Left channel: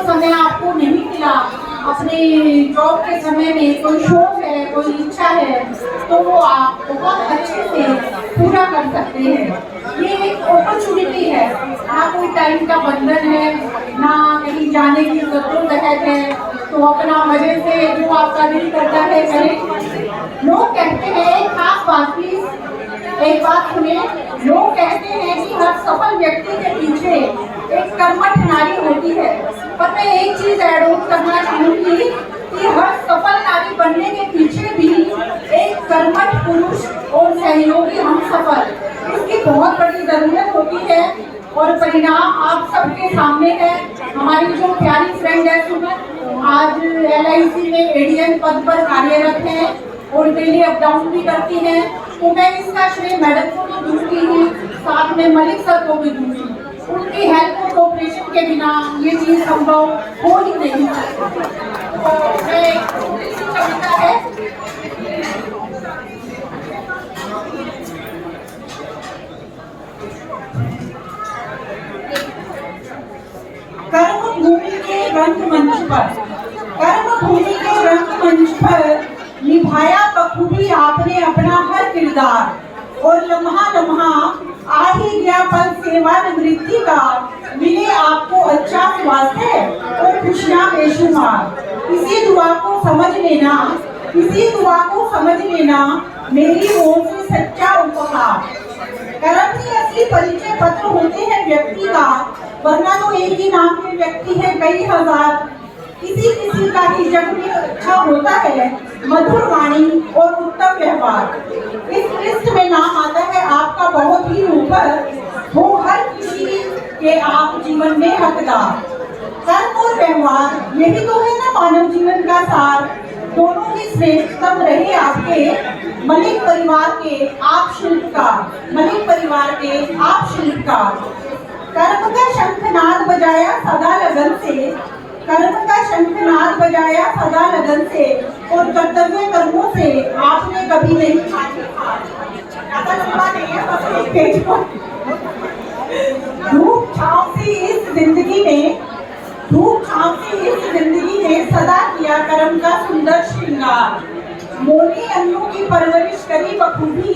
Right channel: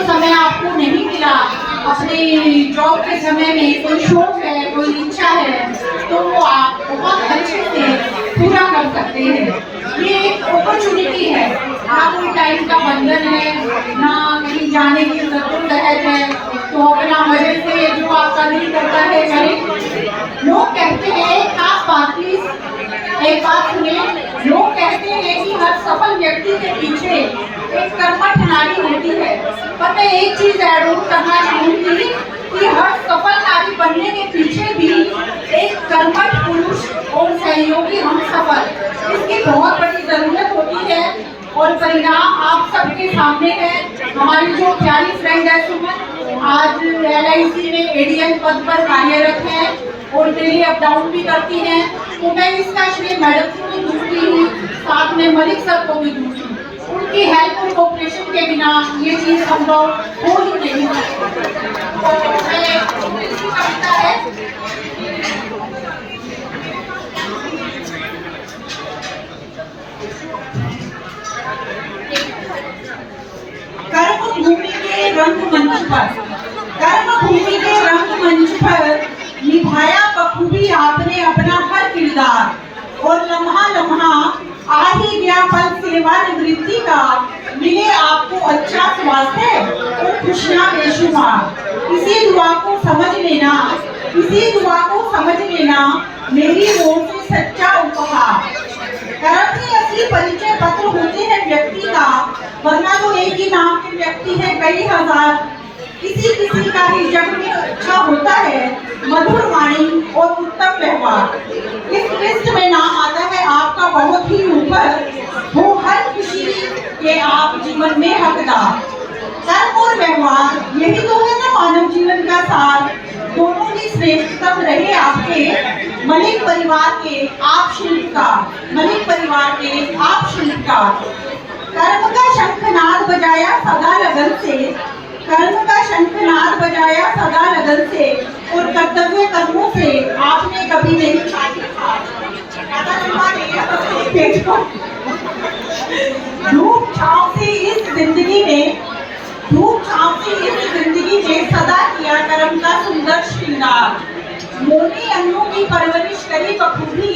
जो समय आपको नहीं मिला अपने जॉब के समय में, कोई शौक है, कोई इच्छा है, तो वो आप बहुत अच्छे से पूरा कर सकते हैं। ये एक अपॉर्चुनिटी है, ना कोई टाइम का बंधन है, ना कहीं जाने की जरूरत है, तो अपना मजे से जो आपका दिल करता है करें। लोग कहते हैं, एक बात सुने, लोग कहते हैं कि हर सफल व्यक्ति के पीछे एक कर्मठ नारी होती है, पर मैं एक चीज ऐड ऑन करना चाहूंगी कि हर सफल नारी बनने के पीछे भी एक कर्मठ पुरुष और सहयोगी हम सफल, इसकी बहुत बड़ी जरूरत होती है। और परिणाम आप सबके सामने है। हमारी जो प्यारी फ्रेंड है सुमन, आज LIC में ADN पद पर कार्यरत है और डेली अप डाउन भी करती हैं, तो मैं इसका श्रेय मैडम को भी दूंगी हूँ, साथ में मलिक सर को भी दूंगी। उनकी हेल्प और कोऑपरेशन के बिना ये चीज संभव हो ही नहीं सकती। कविता है, कर्म भूमि के रंगमंच पर, कर्म भूमि के रंगमंच पर निभाया बखूबी आपने अपना हर किरदार, और लम्हा लम्हा आ ही गया पल सेवानिवृत्ति का, मिले आपको अच्छा स्वास्थ्य और खुशियां बेशुमार। इसी दुआ को समझ लेना, इसी दुआ को समझ लेना मेरी ओर से सच्चा उपहार। कर्म ही असली परिचय पत्र होते हैं व्यक्ति का, वरना तो एक ही नाम के व्यक्ति है कई हजार। किसी किसी का ही जग में अच्छा होता है मधुर वाणी और उत्तम व्यवहार। इस लिस्ट में नाम आता है आपका बहुत ही ऊपर, हो हर किसी के आप जीवन में हकदार। कर्म और व्यवहार यही तो है ना मानव जीवन का सार, दोनों ही श्रेष्ठतम रहे आपके। मलिक परिवार के आप शिल्पकार, मलिक परिवार के आप शिल्पकार। कर्म का शंखनाद बजाया सदा लगन से, कर्म का शंखनाद बजाया सदा लगन से, और कर्तव्य कर्मों से आपने कभी नहीं धूप छांव से इस जिंदगी में, धूप छांव से इस जिंदगी में सदा किया कर्म का सुंदर श्रृंगार। मोनी अन्नों की परवरिश करी बखूबी,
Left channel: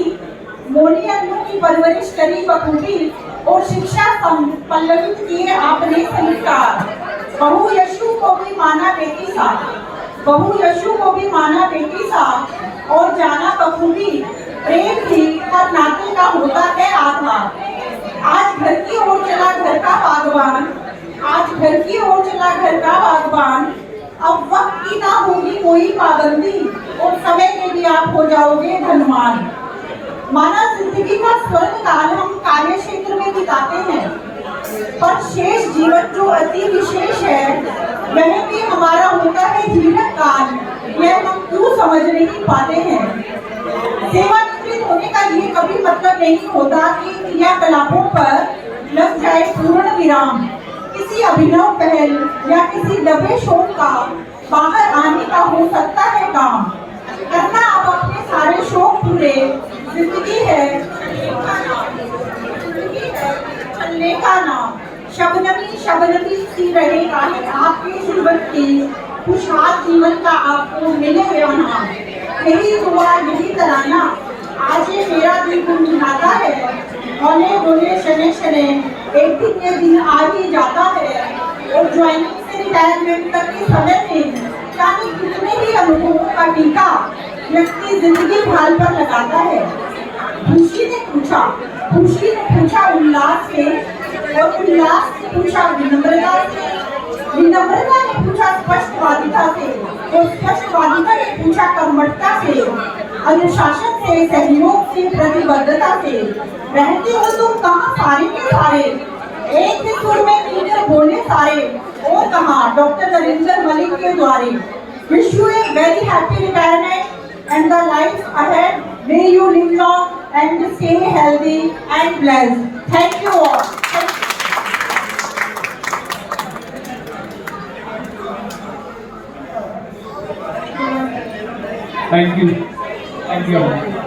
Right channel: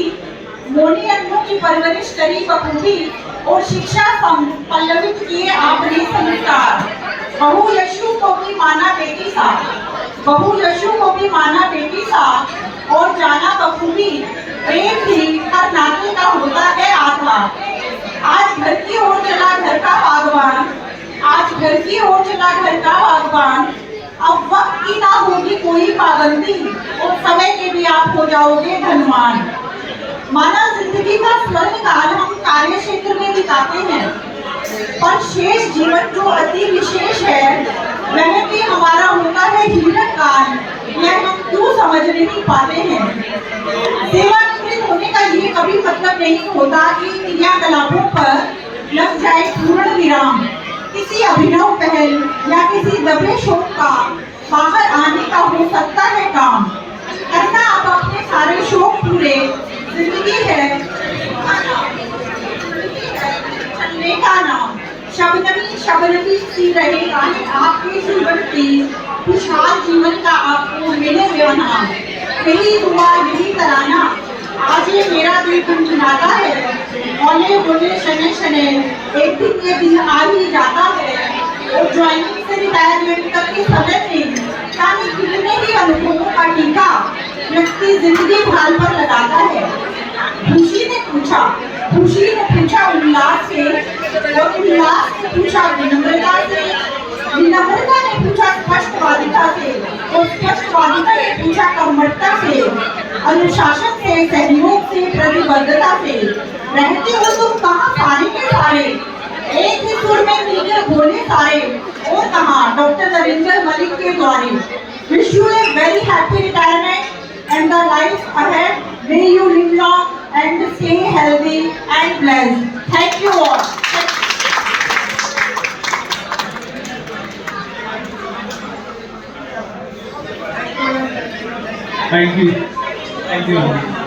मोनी अन्नों की परवरिश करी बखूबी, और शिक्षा पल्लवित किए आपने संस्कार। बहु यशु को भी माना बेटी सा, बहु यशु को भी माना बेटी सा, और जाना बखूबी प्रेम भी हर नाते का होता है आधार। आज घर की ओर चला घर का बागवान, आज घर की ओर चला घर का बागवान। अब वक्त की ना होगी कोई पाबंदी, और समय के भी आप हो जाओगे धनवान। माना जिंदगी का स्वर्ण काल हम कार्य क्षेत्र में बिताते हैं, पर शेष जीवन जो अति विशेष है वह भी हमारा होता है जीवन काल, यह हम क्यों समझ नहीं पाते हैं। सेवानिवृत्त होने का ये कभी मतलब नहीं होता कि क्रियाकलापों पर लग जाए पूर्ण विराम। किसी अभिनव पहल या किसी दबे शौक का बाहर आने का हो सकता है काम। करना अब अपने सारे शौक पूरे, जिंदगी है चलने का नाम। शबनमी शबनमी सी रहेगा आपके जीवन की, खुशहाल जीवन का आपको मिले नाम। यही दुआ यही तराना आज ये मेरा दिल गुनगुनाता है। बोले बोले शने शने एक दिन ये दिन आ ही जाता है, और ज्वाइनिंग से रिटायरमेंट तक के समय में यानी कितने ही अनुभवों का टीका व्यक्ति जिंदगी भाल पर लगाता है। खुशी ने पूछा, खुशी ने पूछा उल्लास से, और उल्लास ने पूछा विनम्रता से, विनम्रता ने पूछा स्पष्टवादिता से, और स्पष्टवादिता ने पूछा कर्मठता से, अनुशासन से, सहयोग से, प्रतिबद्धता से। रहते हो तुम कहाँ सारे के सारे, एक ही सुर में मिलकर बोले सारे, और कहाँ डॉक्टर नरेंद्र मलिक के द्वारे। Wish U a very happy retirement and the life ahead. May you live long and stay healthy and blessed. Thank you all. Thank you. Thank you.